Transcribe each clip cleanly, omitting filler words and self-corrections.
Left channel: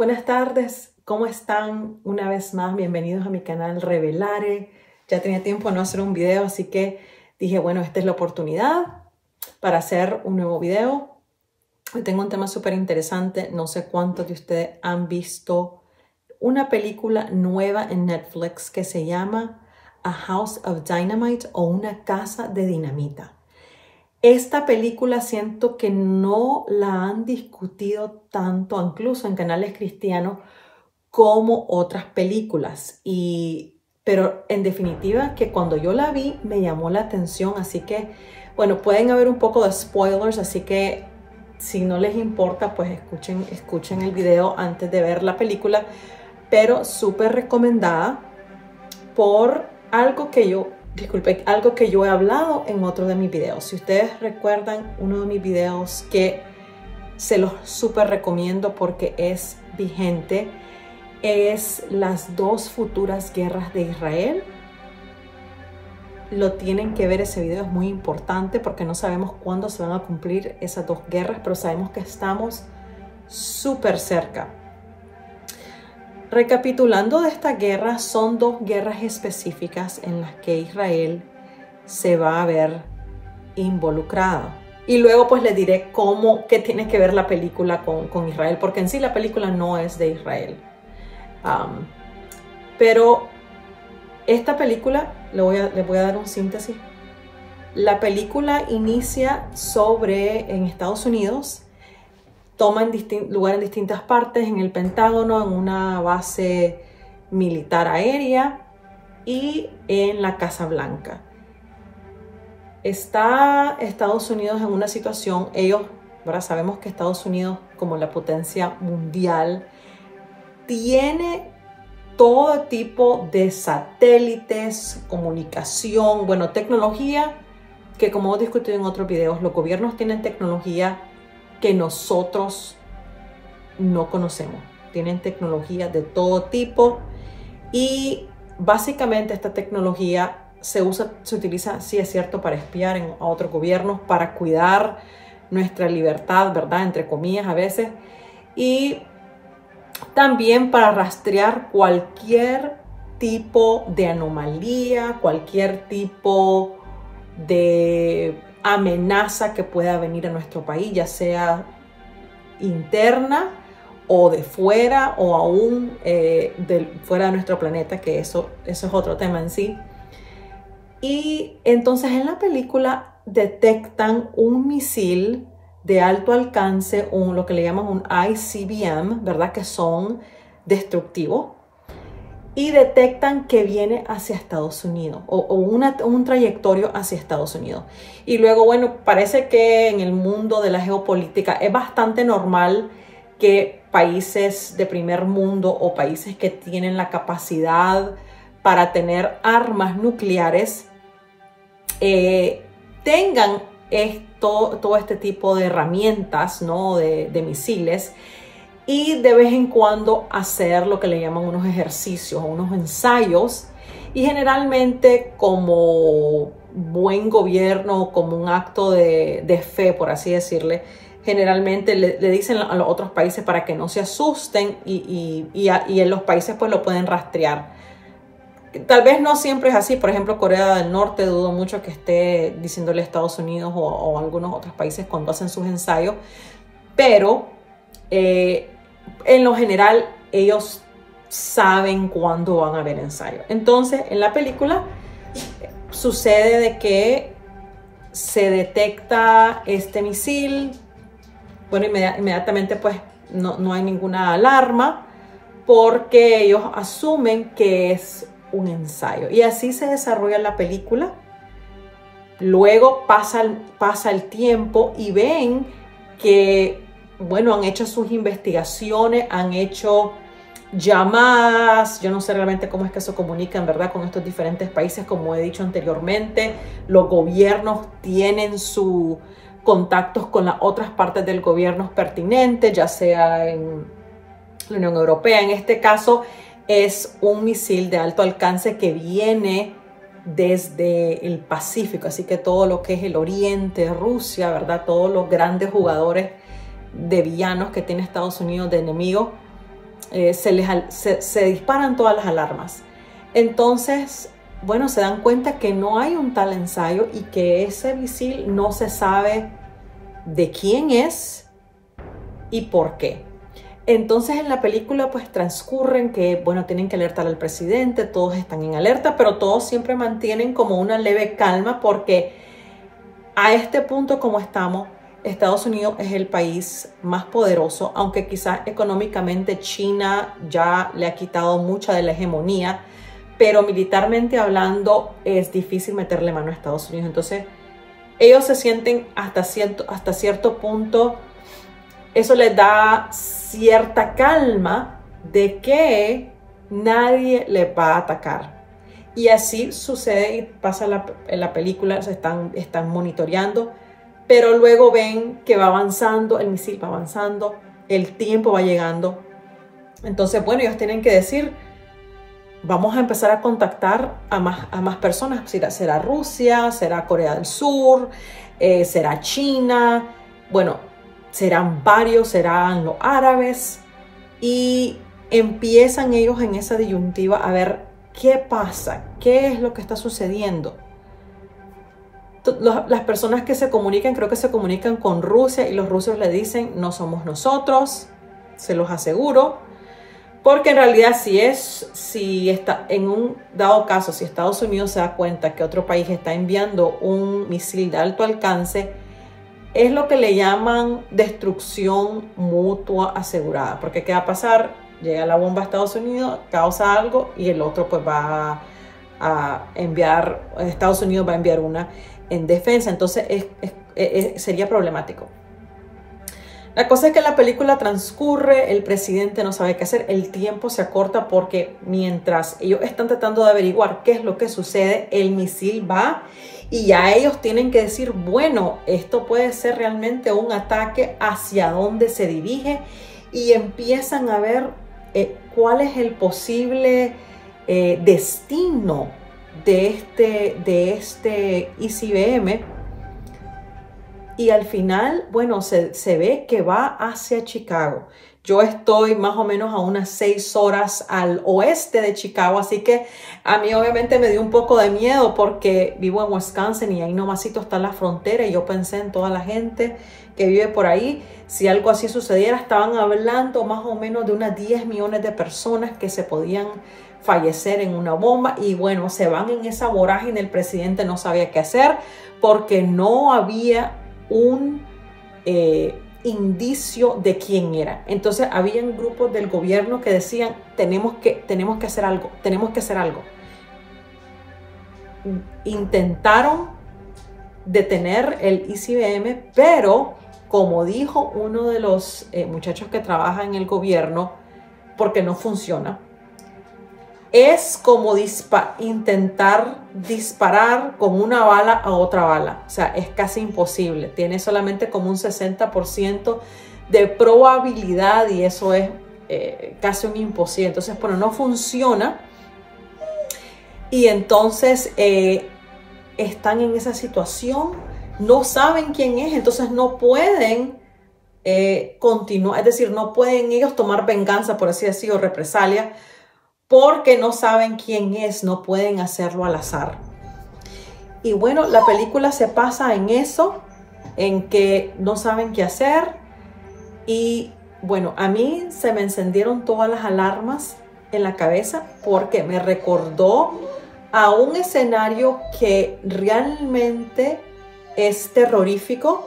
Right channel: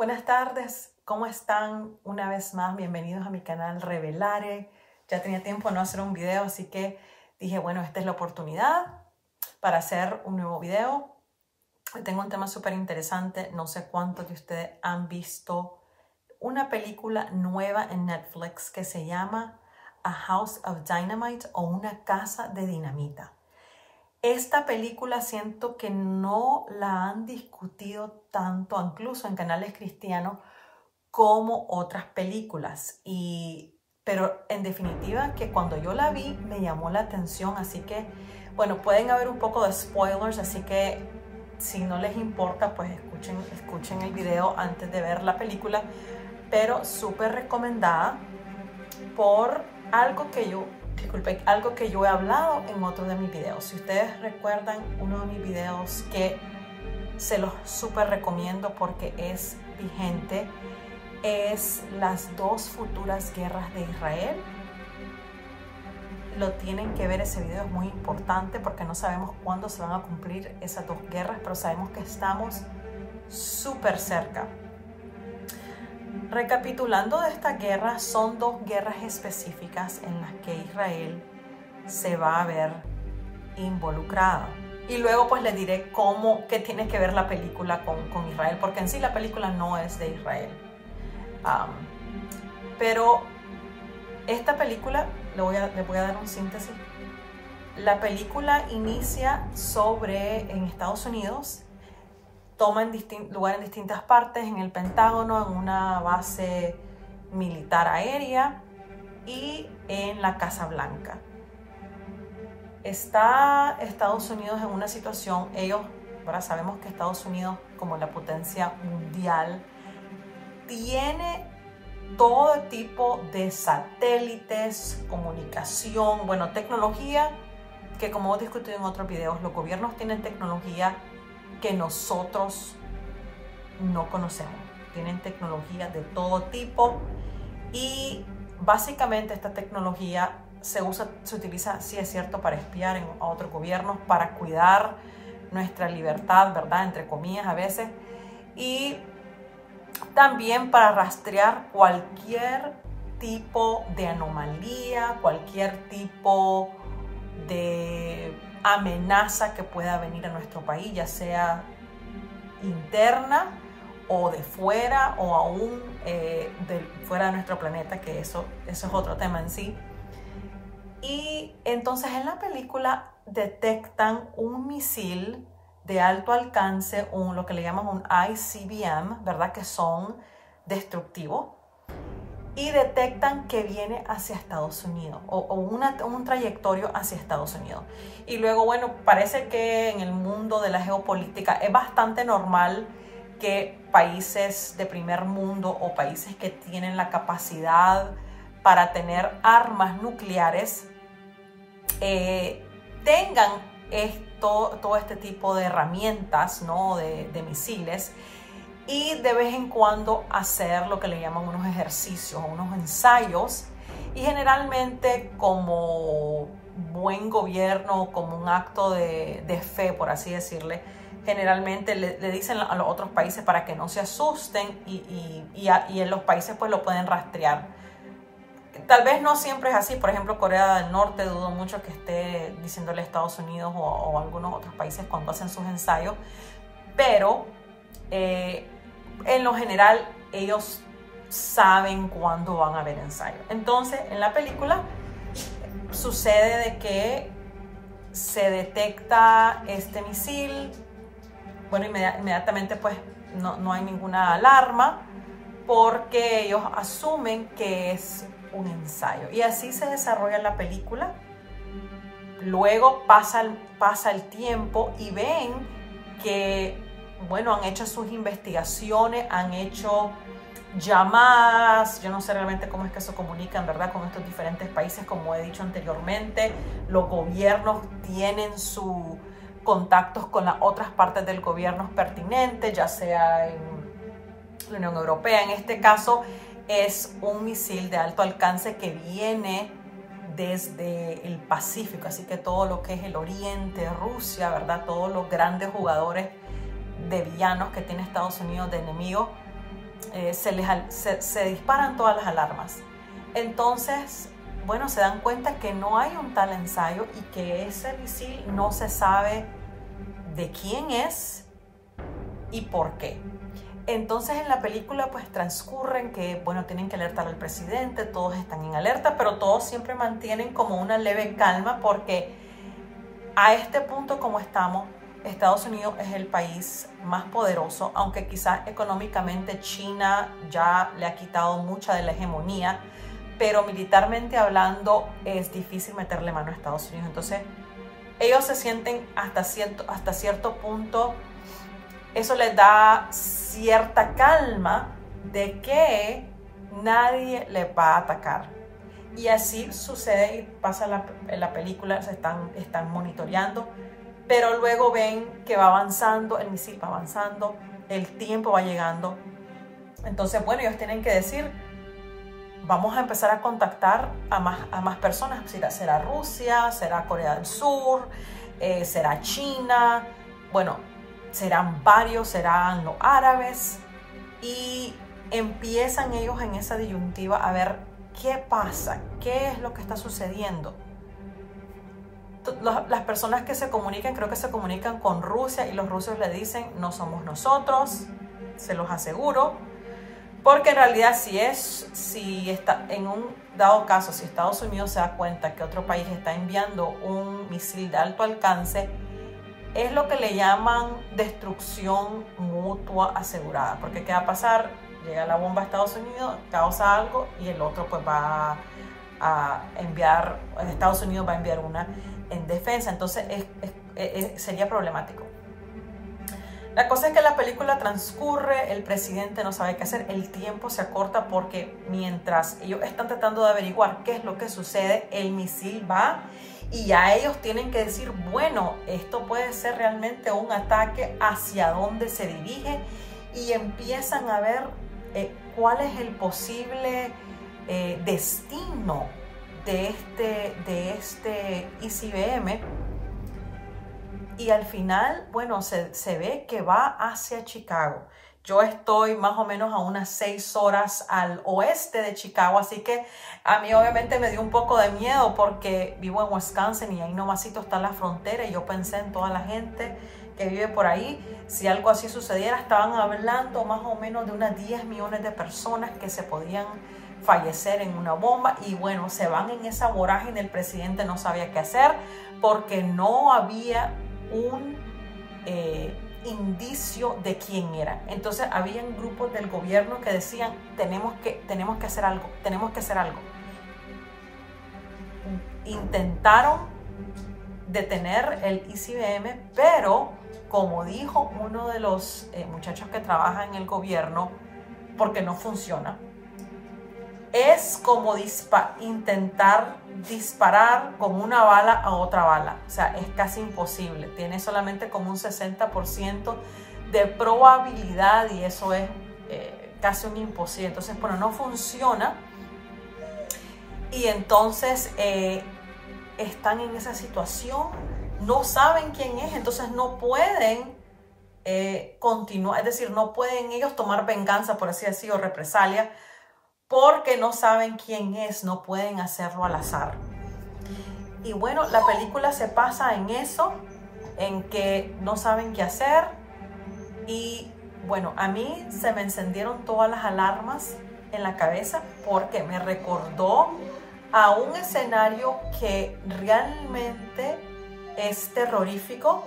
Buenas tardes, ¿cómo están? Una vez más, bienvenidos a mi canal Revelare. Ya tenía tiempo de no hacer un video, así que dije, bueno, esta es la oportunidad para hacer un nuevo video. Hoy tengo un tema súper interesante. No sé cuántos de ustedes han visto una película nueva en Netflix que se llama A House of Dynamite o Una Casa de Dinamita. Esta película siento que no la han discutido tanto, incluso en canales cristianos, como otras películas. Pero en definitiva que cuando yo la vi me llamó la atención, así que, bueno, pueden haber un poco de spoilers, así que si no les importa, pues escuchen el video antes de ver la película, pero súper recomendada por algo que yo he hablado en otro de mis videos. Si ustedes recuerdan uno de mis videos que se los súper recomiendo porque es vigente, es las dos futuras guerras de Israel. Lo tienen que ver, ese video es muy importante porque no sabemos cuándo se van a cumplir esas dos guerras, pero sabemos que estamos súper cerca. Recapitulando de esta guerra, son dos guerras específicas en las que Israel se va a ver involucrada. Y luego pues les diré qué tiene que ver la película con Israel, porque en sí la película no es de Israel. Pero esta película, les voy a dar un síntesis. La película inicia en Estados Unidos. Toman lugar en distintas partes, en el Pentágono, en una base militar aérea y en la Casa Blanca. Está Estados Unidos en una situación, ahora sabemos que Estados Unidos, como la potencia mundial, tiene todo tipo de satélites, comunicación, bueno, tecnología que, como hemos discutido en otros videos, los gobiernos tienen tecnología que nosotros no conocemos. Tienen tecnología de todo tipo y básicamente esta tecnología se utiliza, sí es cierto, para espiar a otros gobiernos, para cuidar nuestra libertad, ¿verdad? Entre comillas a veces, y también para rastrear cualquier tipo de anomalía, cualquier tipo de amenaza que pueda venir a nuestro país, ya sea interna o de fuera o aún fuera de nuestro planeta, que eso es otro tema en sí. Y entonces en la película detectan un misil de alto alcance, lo que le llaman un ICBM, ¿verdad? Que son destructivos. Y detectan que viene hacia Estados Unidos o un trayectorio hacia Estados Unidos. Y luego, bueno, parece que en el mundo de la geopolítica es bastante normal que países de primer mundo o países que tienen la capacidad para tener armas nucleares tengan todo este tipo de herramientas, ¿no? de misiles, y de vez en cuando hacer lo que le llaman unos ejercicios o unos ensayos, y generalmente como buen gobierno, como un acto de fe, por así decirle, generalmente le dicen a los otros países para que no se asusten y en los países pues lo pueden rastrear. Tal vez no siempre es así. Por ejemplo, Corea del Norte, dudo mucho que esté diciéndole a Estados Unidos o algunos otros países cuando hacen sus ensayos, pero en lo general ellos saben cuándo van a haber ensayos. Entonces en la película sucede de que se detecta este misil. Bueno, inmediatamente pues no hay ninguna alarma porque ellos asumen que es un ensayo, y así se desarrolla la película. Luego pasa el tiempo y ven que, bueno, han hecho sus investigaciones, han hecho llamadas, yo no sé realmente cómo es que se comunican, ¿verdad?, con estos diferentes países. Como he dicho anteriormente, los gobiernos tienen sus contactos con las otras partes del gobierno pertinentes, ya sea en la Unión Europea. En este caso es un misil de alto alcance que viene desde el Pacífico, así que todo lo que es el Oriente, Rusia, ¿verdad? Todos los grandes jugadores de villanos que tiene Estados Unidos, de enemigos, se disparan todas las alarmas. Entonces, bueno, se dan cuenta que no hay un tal ensayo y que ese misil no se sabe de quién es y por qué. Entonces en la película pues transcurren que, bueno, tienen que alertar al presidente, todos están en alerta, pero todos siempre mantienen como una leve calma porque a este punto como estamos, Estados Unidos es el país más poderoso, aunque quizás económicamente China ya le ha quitado mucha de la hegemonía, pero militarmente hablando es difícil meterle mano a Estados Unidos. Entonces ellos se sienten hasta cierto punto, eso les da cierta calma de que nadie les va a atacar. Y así sucede y pasa en la película, se están monitoreando, pero luego ven que va avanzando, el misil va avanzando, el tiempo va llegando. Entonces, bueno, ellos tienen que decir, vamos a empezar a contactar a más personas. ¿Será Rusia? ¿Será Corea del Sur? ¿Será China? Bueno, serán varios, serán los árabes. Y empiezan ellos en esa disyuntiva a ver qué pasa, qué es lo que está sucediendo. Las personas que se comunican, creo que se comunican con Rusia y los rusos le dicen, no somos nosotros, se los aseguro. Porque en realidad si está en un dado caso, si Estados Unidos se da cuenta que otro país está enviando un misil de alto alcance, es lo que le llaman destrucción mutua asegurada. Porque ¿qué va a pasar? Llega la bomba a Estados Unidos, causa algo y el otro pues va a enviar, Estados Unidos va a enviar una en defensa. Entonces sería problemático. La cosa es que la película transcurre, el presidente no sabe qué hacer, el tiempo se acorta porque mientras ellos están tratando de averiguar qué es lo que sucede, el misil va y ya ellos tienen que decir, bueno, esto puede ser realmente un ataque, hacia dónde se dirige, y empiezan a ver cuál es el posible destino de este ICBM. Y al final, bueno, se ve que va hacia Chicago. Yo estoy más o menos a unas 6 horas al oeste de Chicago, así que a mí obviamente me dio un poco de miedo porque vivo en Wisconsin y ahí nomasito está la frontera y yo pensé en toda la gente que vive por ahí. Si algo así sucediera, estaban hablando más o menos de unas 10 millones de personas que se podían fallecer en una bomba y bueno, se van en esa vorágine. El presidente no sabía qué hacer porque no había un indicio de quién era. Entonces habían grupos del gobierno que decían tenemos que hacer algo, tenemos que hacer algo. Intentaron detener el ICBM, pero como dijo uno de los muchachos que trabaja en el gobierno, porque no funciona, es como intentar disparar con una bala a otra bala. O sea, es casi imposible. Tiene solamente como un 60% de probabilidad y eso es casi un imposible. Entonces, bueno, no funciona. Y entonces están en esa situación, no saben quién es, entonces no pueden continuar. Es decir, no pueden ellos tomar venganza, por así decirlo, o represalia, porque no saben quién es, no pueden hacerlo al azar. Y bueno, la película se pasa en eso, en que no saben qué hacer. Y bueno, a mí se me encendieron todas las alarmas en la cabeza porque me recordó a un escenario que realmente es terrorífico.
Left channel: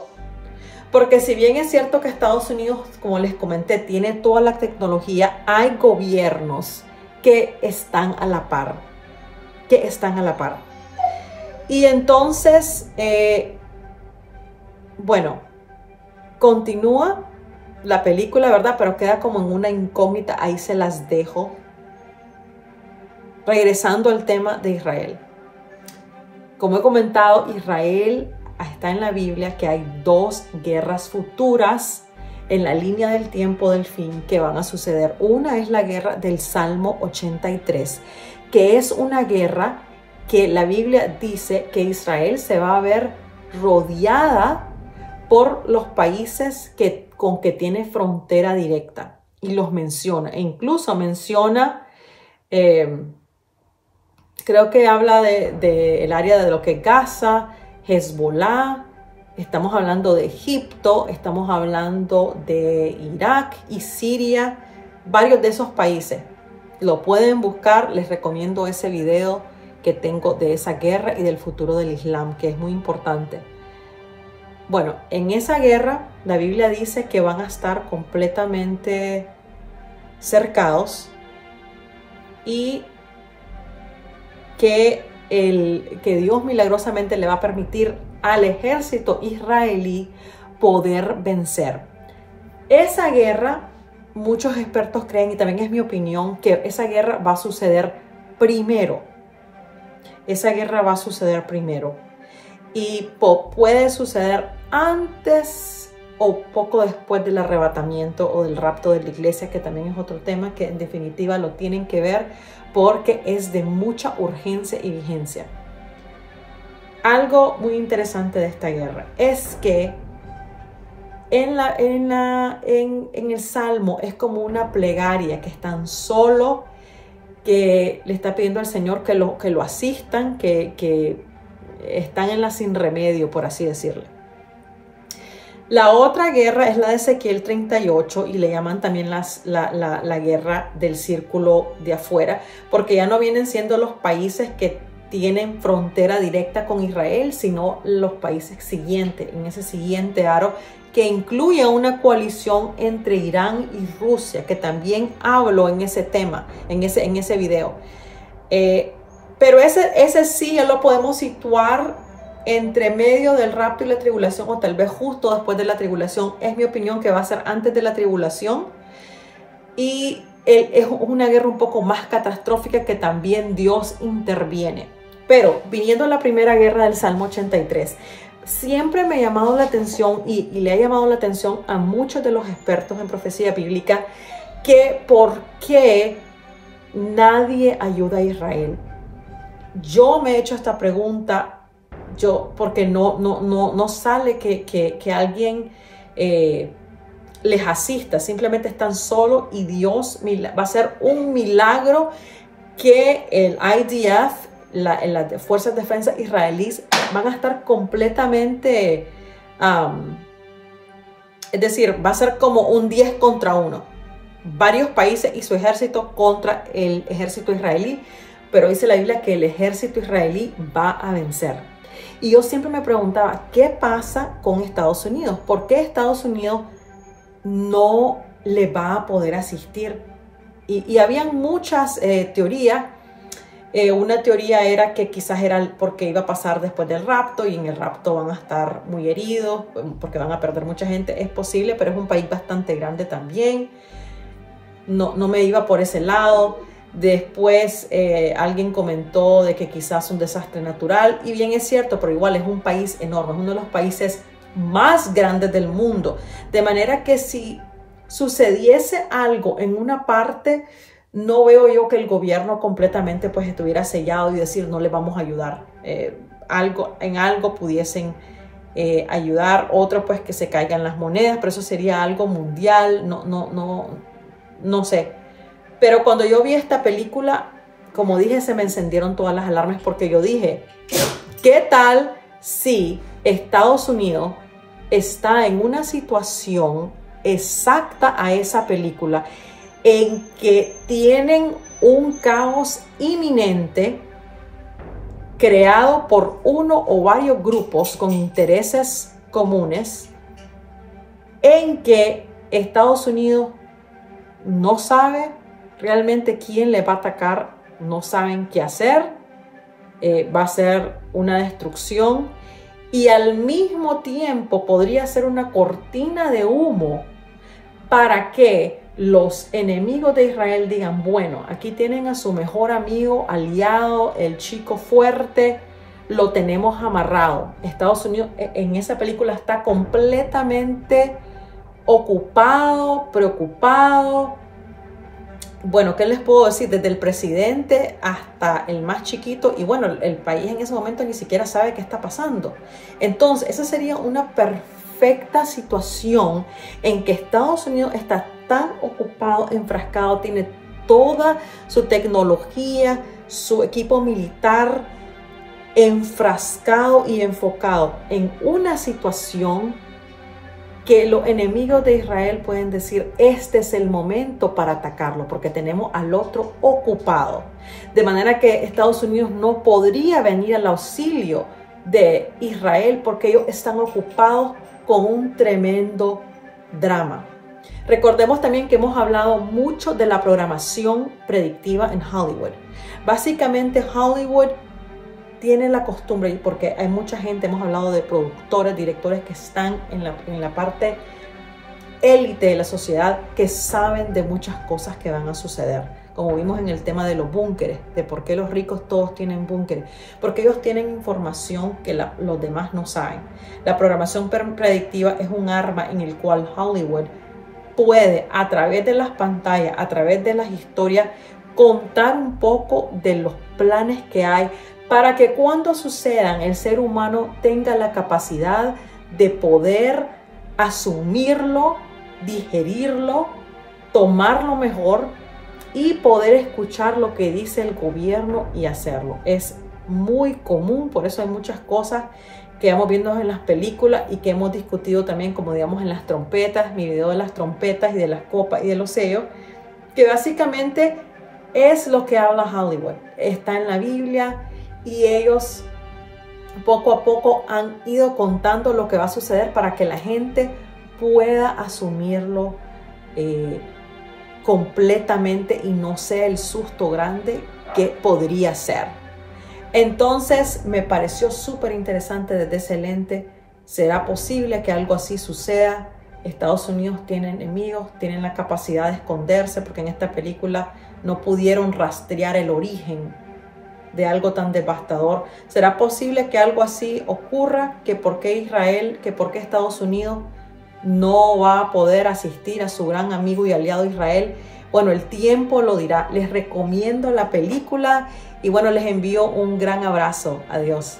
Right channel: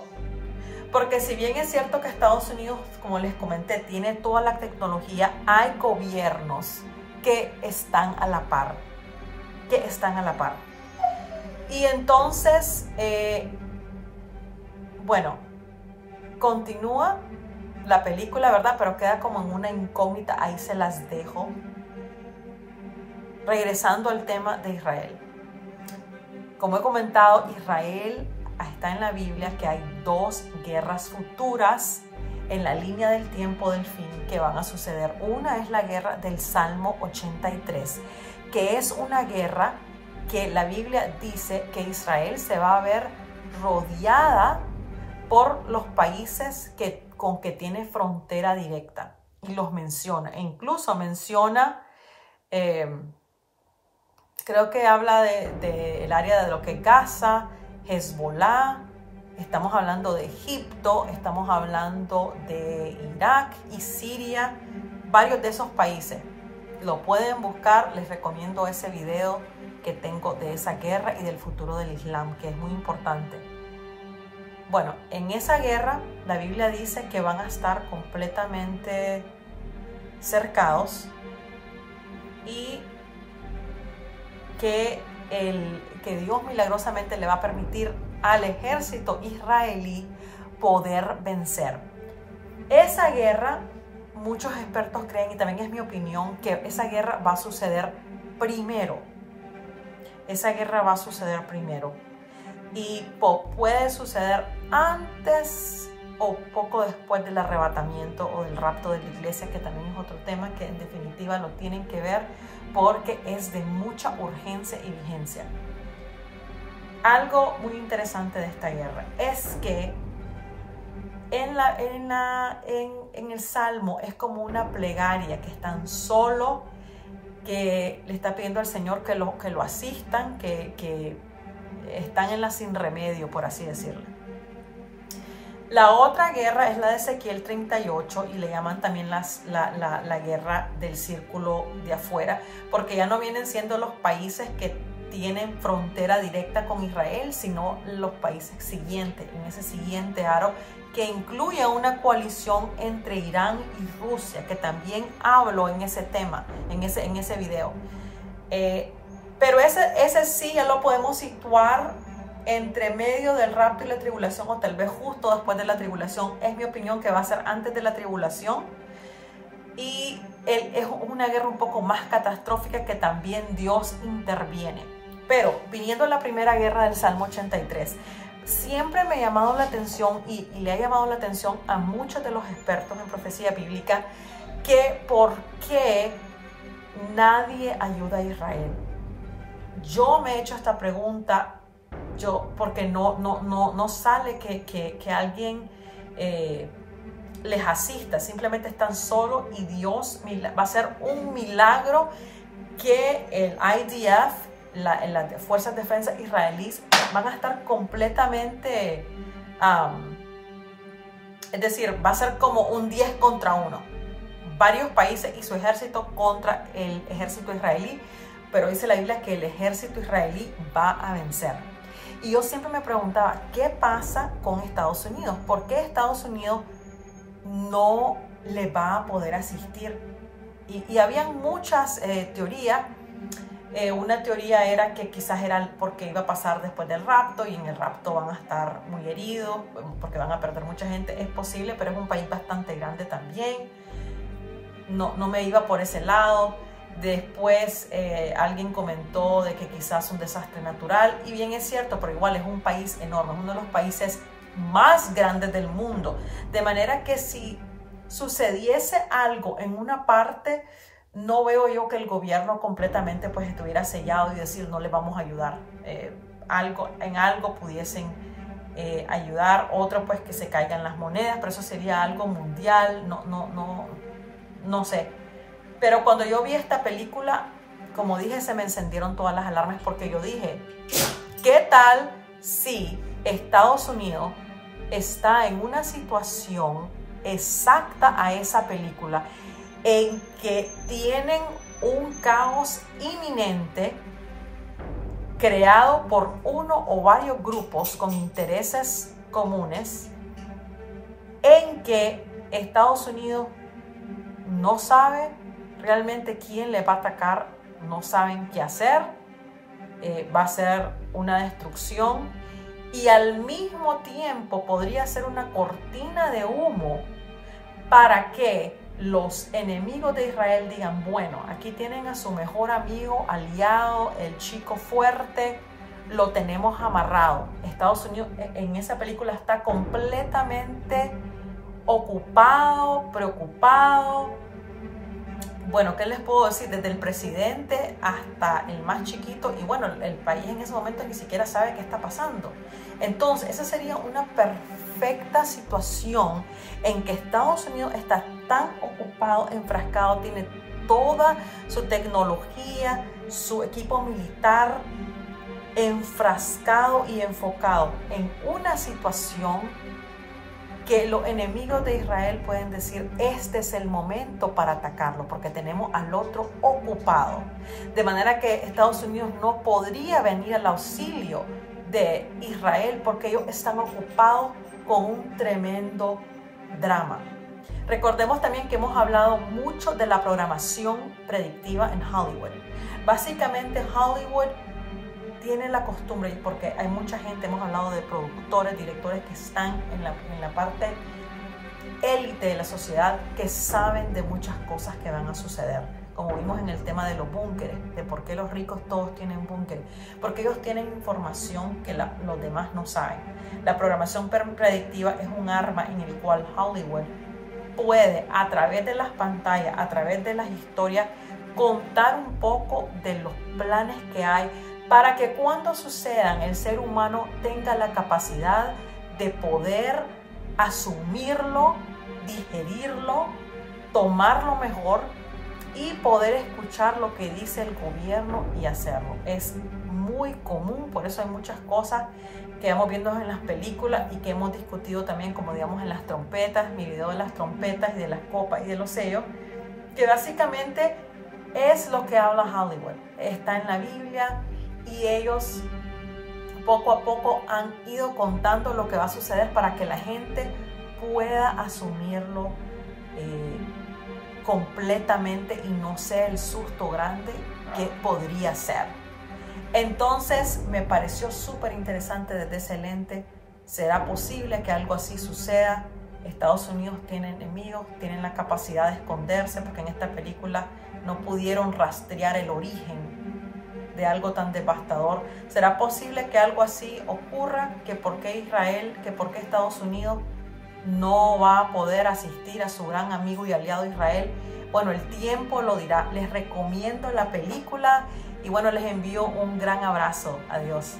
Porque si bien es cierto que Estados Unidos, como les comenté, tiene toda la tecnología, hay gobiernos que están a la par, Y entonces, bueno, continúa la película, ¿verdad? Pero queda como en una incógnita, ahí se las dejo. Regresando al tema de Israel. Como he comentado, Israel está en la Biblia que hay 2 guerras futuras en la línea del tiempo del fin que van a suceder. Una es la guerra del Salmo 83, que es una guerra que la Biblia dice que Israel se va a ver rodeada por los países con que tiene frontera directa. y los menciona. E incluso menciona, creo que habla del área de lo que es Gaza, Hezbollah, estamos hablando de Egipto, estamos hablando de Irak y Siria, varios de esos países. Lo pueden buscar, les recomiendo ese video que tengo de esa guerra y del futuro del Islam, que es muy importante. Bueno, en esa guerra la Biblia dice que van a estar completamente cercados y que Dios milagrosamente le va a permitir al ejército israelí poder vencer. Esa guerra, muchos expertos creen, y también es mi opinión, que esa guerra va a suceder primero. Esa guerra va a suceder primero. Y puede suceder antes o poco después del arrebatamiento o del rapto de la iglesia, que también es otro tema que en definitiva lo tienen que ver porque es de mucha urgencia y vigencia. Algo muy interesante de esta guerra es que en el Salmo es como una plegaria que es tan solo que le está pidiendo al Señor que lo asistan, que están en la sin remedio, por así decirlo. La otra guerra es la de Ezequiel 38 y le llaman también la guerra del círculo de afuera, porque ya no vienen siendo los países que tienen frontera directa con Israel, sino los países siguientes, en ese siguiente aro, que incluye una coalición entre Irán y Rusia, que también hablo en ese tema, en ese video. Pero ese sí ya lo podemos situar entre medio del rapto y la tribulación, o tal vez justo después de la tribulación. Es mi opinión que va a ser antes de la tribulación. Y es una guerra un poco más catastrófica que también Dios interviene. Pero viniendo a la primera guerra del Salmo 83, siempre me ha llamado la atención y le ha llamado la atención a muchos de los expertos en profecía bíblica que por qué nadie ayuda a Israel. Yo me he hecho esta pregunta, porque no sale que alguien les asista, simplemente están solos y Dios va a hacer un milagro que el IDF, las fuerzas de defensa israelíes, van a estar completamente, es decir, va a ser como un 10 contra 1. Varios países y su ejército contra el ejército israelí, pero dice la Biblia que el ejército israelí va a vencer. Y yo siempre me preguntaba, ¿qué pasa con Estados Unidos? ¿Por qué Estados Unidos no le va a poder asistir? Y habían muchas teorías. Una teoría era que quizás era porque iba a pasar después del rapto y en el rapto van a estar muy heridos porque van a perder mucha gente. Es posible, pero es un país bastante grande también. No me iba por ese lado. Después alguien comentó de que quizás un desastre natural, y bien es cierto, pero igual es un país enorme, es uno de los países más grandes del mundo, de manera que si sucediese algo en una parte, no veo yo que el gobierno completamente pues estuviera sellado y decir no le vamos a ayudar. En algo pudiesen ayudar, otro pues que se caigan las monedas, pero eso sería algo mundial, no sé. Pero cuando yo vi esta película, como dije, se me encendieron todas las alarmas, porque yo dije, ¿qué tal si Estados Unidos está en una situación exacta a esa película, en que tienen un caos inminente creado por uno o varios grupos con intereses comunes, en que Estados Unidos no sabe realmente quién le va a atacar, no saben qué hacer, va a ser una destrucción, y al mismo tiempo podría ser una cortina de humo para que los enemigos de Israel digan, bueno, aquí tienen a su mejor amigo, aliado, el chico fuerte, lo tenemos amarrado. Estados Unidos en esa película está completamente ocupado, preocupado. Bueno, ¿qué les puedo decir? Desde el presidente hasta el más chiquito, y bueno, el país en ese momento ni siquiera sabe qué está pasando. Entonces, esa sería una perfecta situación en que Estados Unidos está tan ocupado, enfrascado, tiene toda su tecnología, su equipo militar enfrascado y enfocado en una situación que los enemigos de Israel pueden decir, este es el momento para atacarlo, porque tenemos al otro ocupado. De manera que Estados Unidos no podría venir al auxilio de Israel porque ellos están ocupados con un tremendo drama. Recordemos también que hemos hablado mucho de la programación predictiva en Hollywood. Básicamente Hollywood tiene la costumbre, porque hay mucha gente, hemos hablado de productores, directores que están en la parte élite de la sociedad, que saben de muchas cosas que van a suceder. Como vimos en el tema de los búnkeres, de por qué los ricos todos tienen búnkeres, porque ellos tienen información que los demás no saben. La programación predictiva es un arma en el cual Hollywood puede, a través de las pantallas, a través de las historias, contar un poco de los planes que hay, para que cuando sucedan el ser humano tenga la capacidad de poder asumirlo, digerirlo, tomarlo mejor y poder escuchar lo que dice el gobierno y hacerlo. Es muy común, por eso hay muchas cosas que vamos viendo en las películas y que hemos discutido también, como digamos en las trompetas, mi video de las trompetas y de las copas y de los sellos, que básicamente es lo que habla Hollywood. Está en la Biblia. Y ellos poco a poco han ido contando lo que va a suceder para que la gente pueda asumirlo completamente y no sea el susto grande que podría ser. Entonces me pareció súper interesante desde ese lente. ¿Será posible que algo así suceda? Estados Unidos tiene enemigos, tienen la capacidad de esconderse, porque en esta película no pudieron rastrear el origen de algo tan devastador. ¿Será posible que algo así ocurra? ¿Que por qué Israel, que por qué Estados Unidos no va a poder asistir a su gran amigo y aliado Israel? Bueno, el tiempo lo dirá. Les recomiendo la película y bueno, les envío un gran abrazo. Adiós.